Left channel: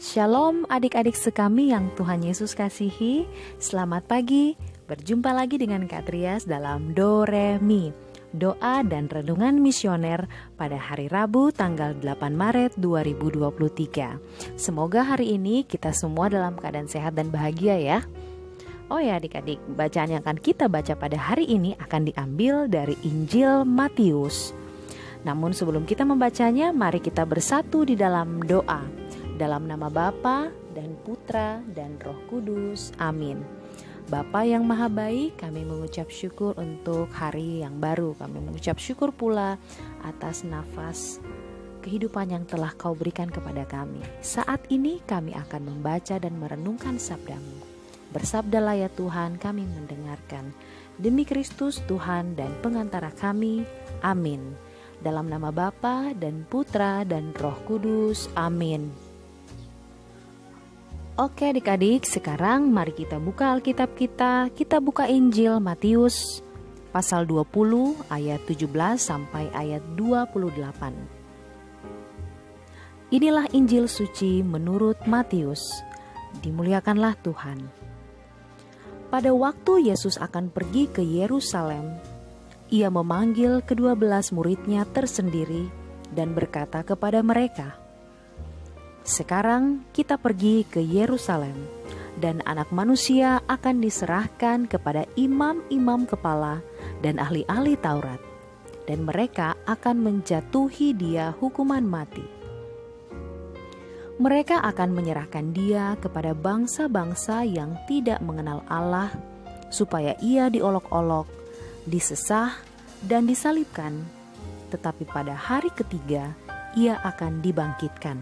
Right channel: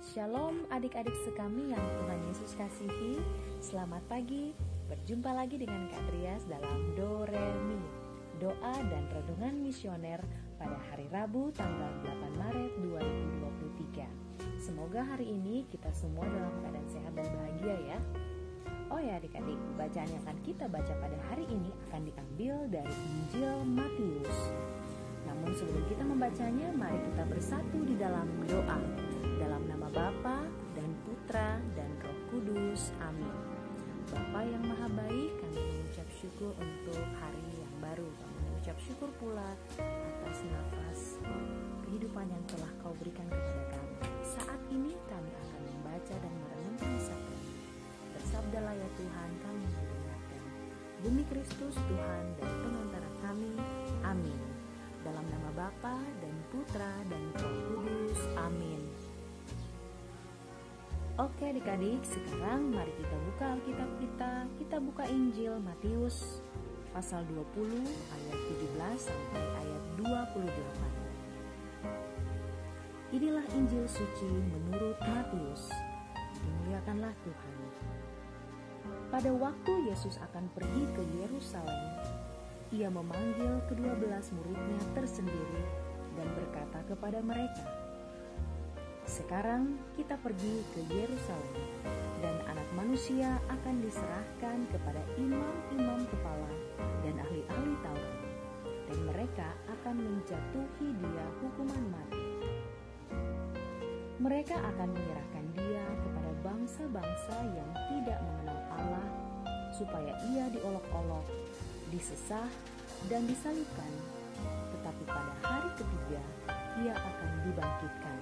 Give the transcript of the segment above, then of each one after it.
Shalom adik-adik sekami yang Tuhan Yesus kasihi. Selamat pagi, berjumpa lagi dengan Kak Trias dalam Do Re Mi, doa dan renungan misioner pada hari Rabu tanggal 8 Maret 2023. Semoga hari ini kita semua dalam keadaan sehat dan bahagia ya. Oh ya adik-adik, bacaan yang akan kita baca pada hari ini akan diambil dari Injil Matius. Namun sebelum kita membacanya, mari kita bersatu di dalam doa. Dalam nama Bapa dan Putra dan Roh Kudus. Amin. Bapa yang maha baik, kami mengucap syukur untuk hari yang baru. Kami mengucap syukur pula atas nafas kehidupan yang telah Kau berikan kepada kami. Saat ini kami akan membaca dan merenungkan sabda-Mu. Bersabdalah ya Tuhan, kami mendengarkan. Demi Kristus Tuhan dan pengantara kami. Amin. Dalam nama Bapa dan Putra dan Roh Kudus. Amin. Oke adik-adik, sekarang mari kita buka Alkitab kita. Kita buka Injil Matius pasal 20 ayat 17 sampai ayat 28. Inilah Injil suci menurut Matius. Dimuliakanlah Tuhan. Pada waktu Yesus akan pergi ke Yerusalem, Ia memanggil ke-12 muridnya tersendiri dan berkata kepada mereka, "Sekarang kita pergi ke Yerusalem, dan Anak Manusia akan diserahkan kepada imam-imam kepala dan ahli-ahli Taurat, dan mereka akan menjatuhi Dia hukuman mati. Mereka akan menyerahkan Dia kepada bangsa-bangsa yang tidak mengenal Allah, supaya Ia diolok-olok, disesah, dan disalibkan, tetapi pada hari ketiga Ia akan dibangkitkan."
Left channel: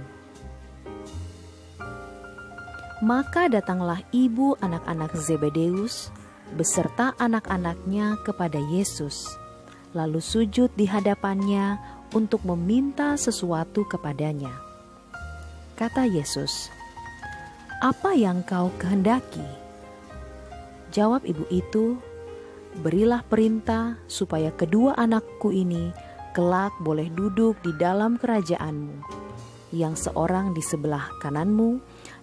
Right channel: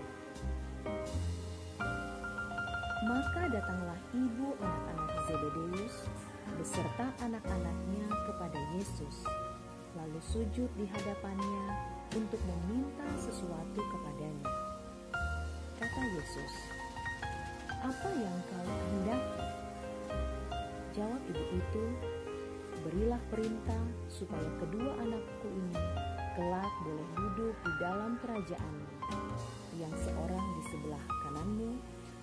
Maka datanglah ibu anak-anak Zebedeus beserta anak-anaknya kepada Yesus, lalu sujud di hadapannya untuk meminta sesuatu kepadanya. Kata Yesus, "Apa yang kau kehendaki?" Jawab ibu itu, "Berilah perintah supaya kedua anakku ini kelak boleh duduk di dalam kerajaanmu, yang seorang di sebelah kananmu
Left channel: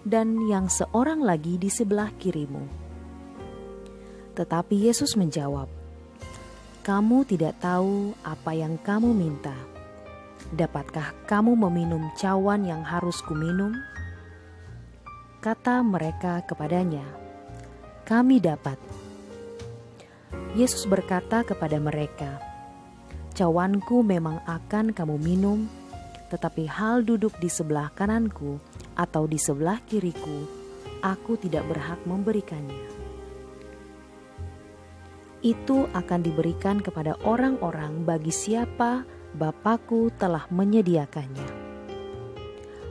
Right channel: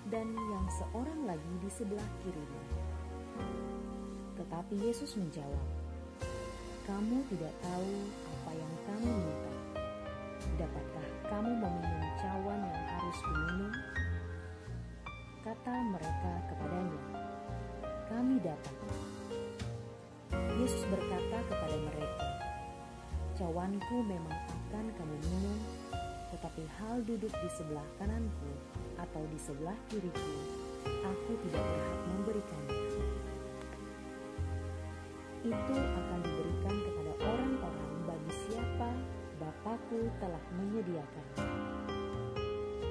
dan yang seorang lagi di sebelah kirimu." Tetapi Yesus menjawab, "Kamu tidak tahu apa yang kamu minta. Dapatkah kamu meminum cawan yang harus kuminum?" Kata mereka kepadanya, "Kami dapat." Yesus berkata kepada mereka, "Cawanku memang akan kamu minum, tetapi hal duduk di sebelah kananku atau di sebelah kiriku, aku tidak berhak memberikannya. Itu akan diberikan kepada orang-orang bagi siapa Bapakku telah menyediakannya."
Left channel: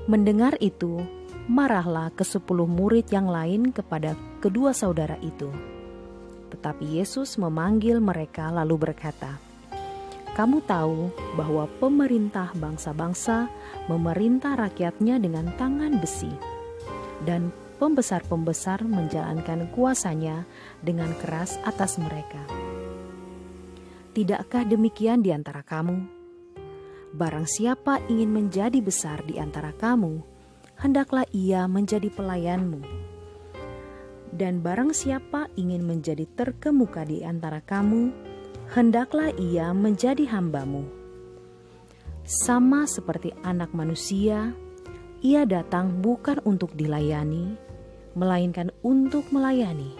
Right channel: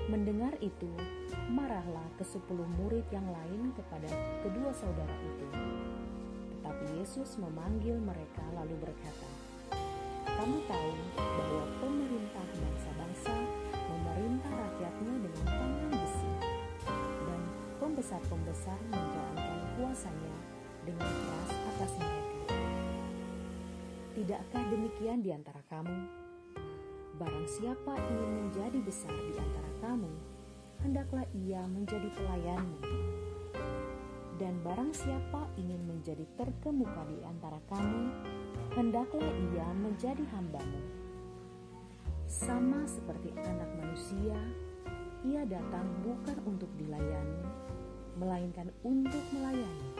Mendengar itu, marahlah ke-10 murid yang lain kepada kedua saudara itu. Tetapi Yesus memanggil mereka lalu berkata, "Kamu tahu bahwa pemerintah bangsa-bangsa memerintah rakyatnya dengan tangan besi, dan pembesar-pembesar menjalankan kuasanya dengan keras atas mereka. Tidakkah demikian di antara kamu? Barang siapa ingin menjadi besar di antara kamu, hendaklah ia menjadi pelayanmu. Dan barang siapa ingin menjadi terkemuka di antara kamu, hendaklah ia menjadi hambamu. Sama seperti Anak Manusia, Ia datang bukan untuk dilayani, melainkan untuk melayani,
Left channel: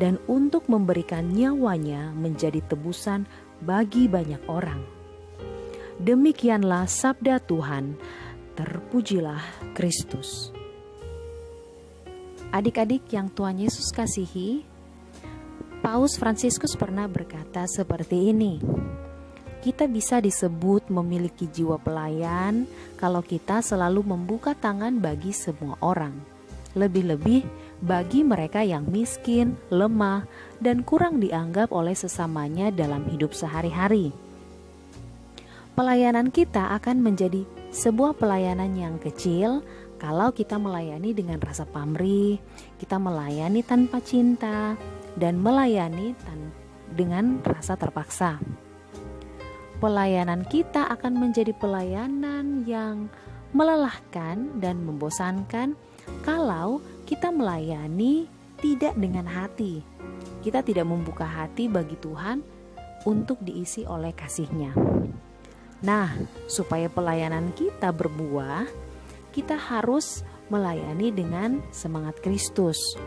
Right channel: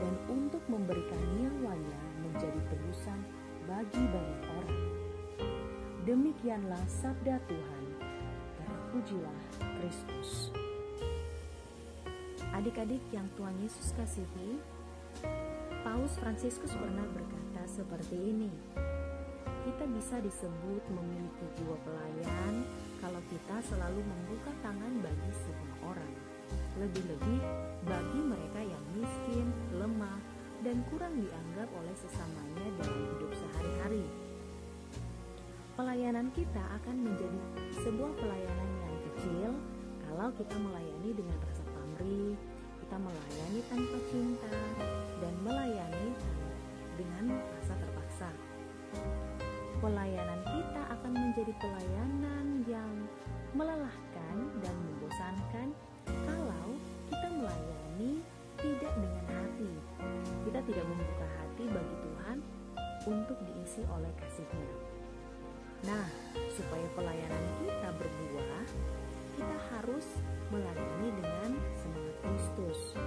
dan untuk memberikan nyawanya menjadi tebusan bagi banyak orang." Demikianlah sabda Tuhan. Terpujilah Kristus. Adik-adik yang Tuhan Yesus kasihi, Paus Fransiskus pernah berkata seperti ini, "Kita bisa disebut memiliki jiwa pelayan kalau kita selalu membuka tangan bagi semua orang, lebih-lebih bagi mereka yang miskin, lemah, dan kurang dianggap oleh sesamanya dalam hidup sehari-hari. Pelayanan kita akan menjadi sebuah pelayanan yang kecil kalau kita melayani dengan rasa pamrih, kita melayani tanpa cinta, dan melayani dengan rasa terpaksa. Pelayanan kita akan menjadi pelayanan yang melelahkan dan membosankan kalau kita melayani tidak dengan hati. Kita tidak membuka hati bagi Tuhan untuk diisi oleh kasih-Nya. Nah, supaya pelayanan kita berbuah, kita harus melayani dengan semangat Kristus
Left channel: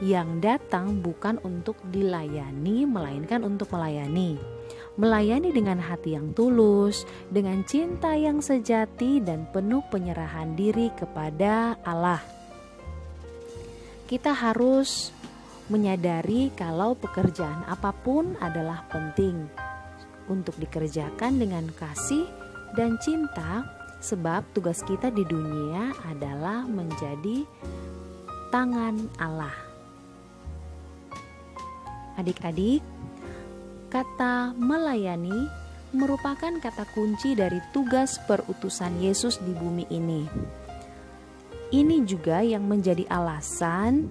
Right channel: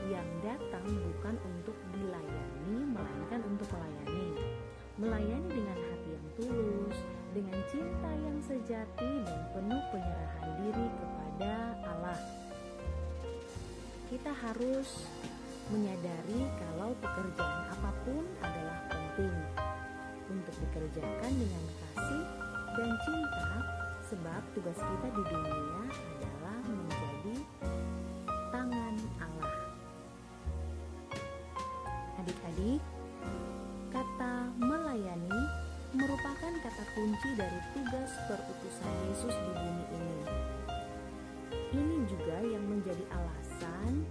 yang datang bukan untuk dilayani, melainkan untuk melayani. Melayani dengan hati yang tulus, dengan cinta yang sejati dan penuh penyerahan diri kepada Allah. Kita harus menyadari kalau pekerjaan apapun adalah penting untuk dikerjakan dengan kasih dan cinta, sebab tugas kita di dunia adalah menjadi tangan Allah. Adik-adik, kata melayani merupakan kata kunci dari tugas perutusan Yesus di bumi ini. Ini juga yang menjadi alasan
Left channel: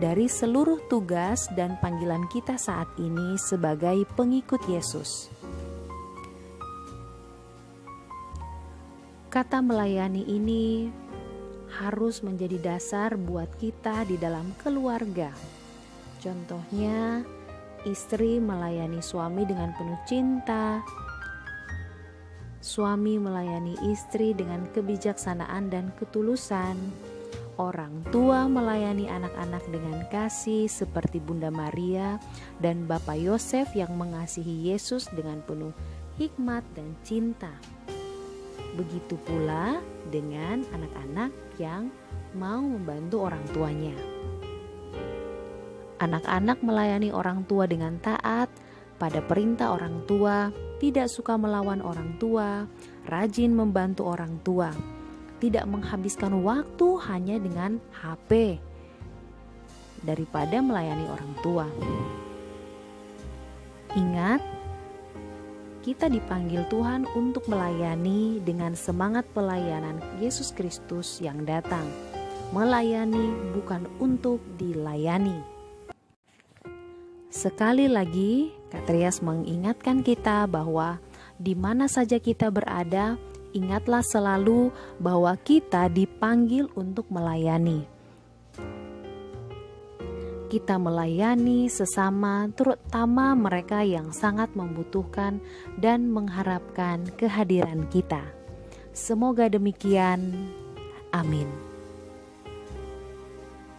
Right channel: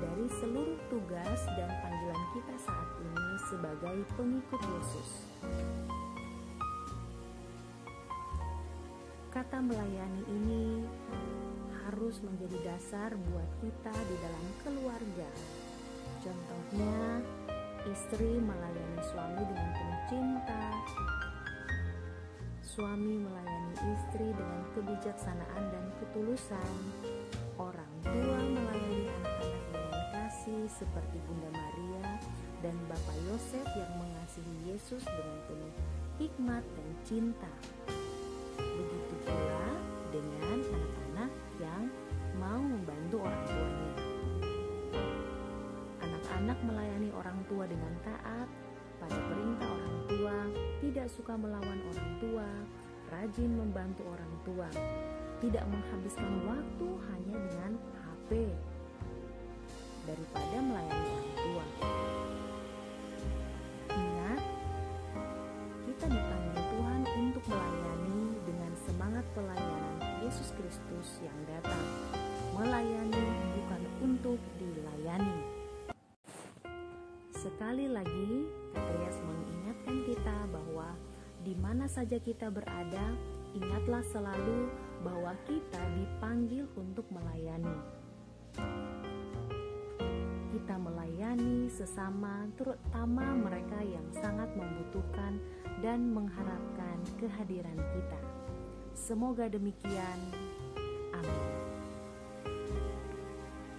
dari seluruh tugas dan panggilan kita saat ini sebagai pengikut Yesus. Kata melayani ini harus menjadi dasar buat kita di dalam keluarga. Contohnya, istri melayani suami dengan penuh cinta, suami melayani istri dengan kebijaksanaan dan ketulusan, orang tua melayani anak-anak dengan kasih seperti Bunda Maria dan Bapak Yosef yang mengasihi Yesus dengan penuh hikmat dan cinta. Begitu pula dengan anak-anak yang mau membantu orang tuanya. Anak-anak melayani orang tua dengan taat pada perintah orang tua, tidak suka melawan orang tua, rajin membantu orang tua, tidak menghabiskan waktu hanya dengan HP daripada melayani orang tua. Ingat, kita dipanggil Tuhan untuk melayani dengan semangat pelayanan Yesus Kristus yang datang. Melayani bukan untuk dilayani. Sekali lagi, Katrias mengingatkan kita bahwa di mana saja kita berada, ingatlah selalu bahwa kita dipanggil untuk melayani. Kita melayani sesama, terutama mereka yang sangat membutuhkan dan mengharapkan kehadiran kita. Semoga demikian. Amin.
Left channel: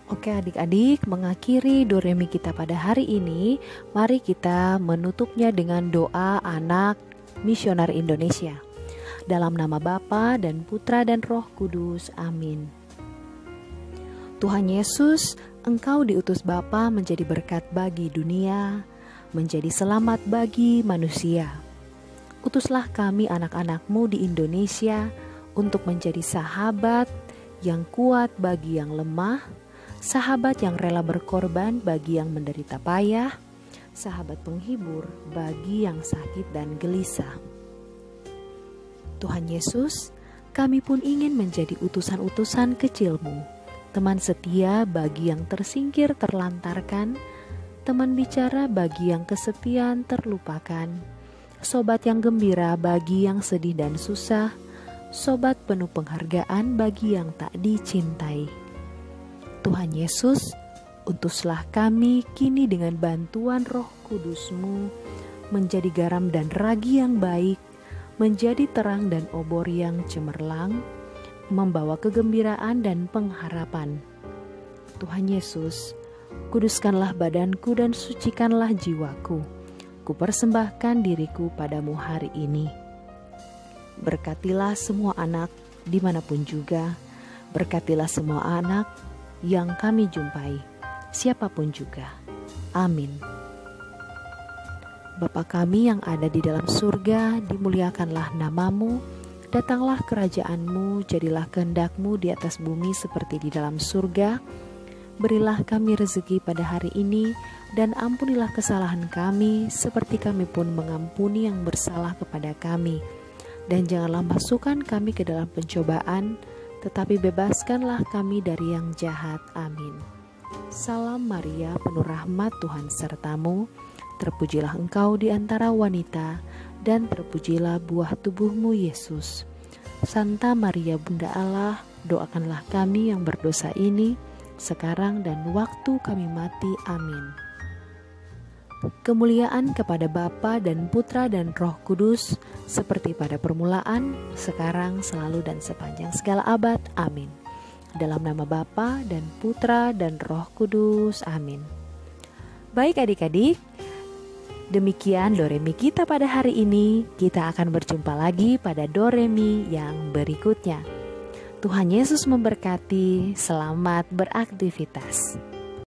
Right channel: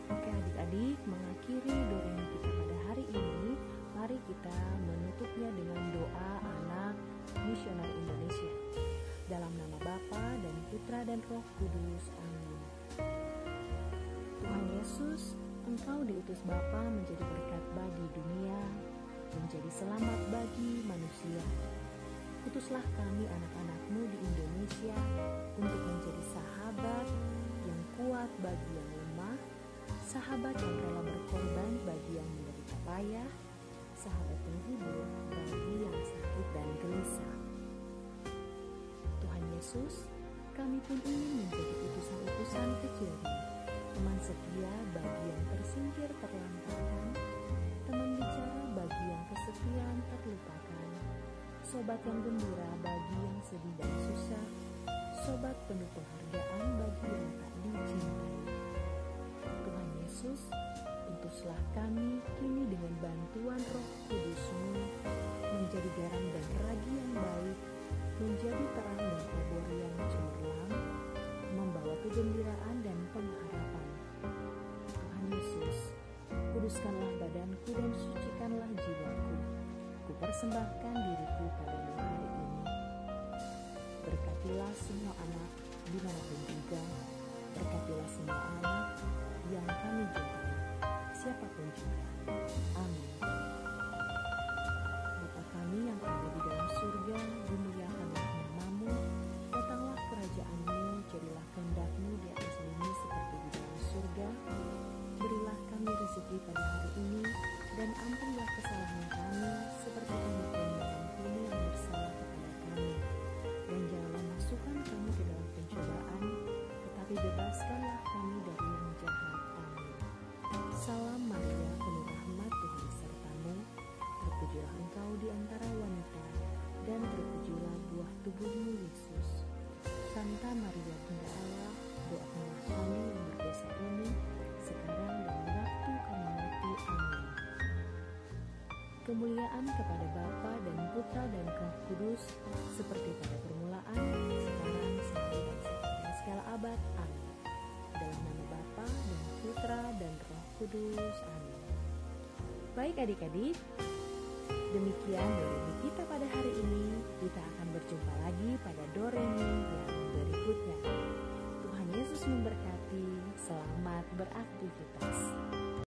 Oke adik-adik, mengakhiri Doremi kita pada hari ini, mari kita menutupnya dengan doa anak misioner Indonesia. Dalam nama Bapa dan Putra dan Roh Kudus, amin. Tuhan Yesus, Engkau diutus Bapa menjadi berkat bagi dunia, menjadi selamat bagi manusia. Utuslah kami anak-anak-Mu di Indonesia untuk menjadi sahabat yang kuat bagi yang lemah, sahabat yang rela berkorban bagi yang menderita payah, sahabat penghibur bagi yang sakit dan gelisah. Tuhan Yesus, kami pun ingin menjadi utusan-utusan kecil-Mu, teman setia bagi yang tersingkir terlantarkan, teman bicara bagi yang kesepian terlupakan, sobat yang gembira bagi yang sedih dan susah, sobat penuh penghargaan bagi yang tak dicintai. Tuhan Yesus, utuslah kami kini dengan bantuan Roh Kudus-Mu menjadi garam dan ragi yang baik, menjadi terang dan obor yang cemerlang, membawa kegembiraan dan pengharapan. Tuhan Yesus, kuduskanlah badanku dan sucikanlah jiwaku. Kupersembahkan diriku padamu hari ini. Berkatilah semua anak dimanapun juga, berkatilah semua anak yang kami jumpai, siapapun juga. Amin. Bapa kami yang ada di dalam surga, dimuliakanlah nama-Mu, datanglah kerajaan-Mu, jadilah kehendak-Mu di atas bumi seperti di dalam surga. Berilah kami rezeki pada hari ini, dan ampunilah kesalahan kami, seperti kami pun mengampuni yang bersalah kepada kami. Dan janganlah masukkan kami ke dalam pencobaan, tetapi bebaskanlah kami dari yang jahat. Amin. Salam Maria, penuh rahmat, Tuhan serta-Mu. Terpujilah Engkau di antara wanita, dan terpujilah buah tubuh-Mu, Yesus. Santa Maria Bunda Allah, doakanlah kami yang berdosa ini, sekarang dan waktu kami mati. Amin. Kemuliaan kepada Bapa dan Putra dan Roh Kudus, seperti pada permulaan, sekarang, selalu, dan sepanjang segala abad. Amin. Dalam nama Bapa dan Putra dan Roh Kudus. Amin. Baik adik-adik, demikian Doremi kita pada hari ini. Kita akan berjumpa lagi pada Doremi yang berikutnya. Tuhan Yesus memberkati. Selamat beraktivitas.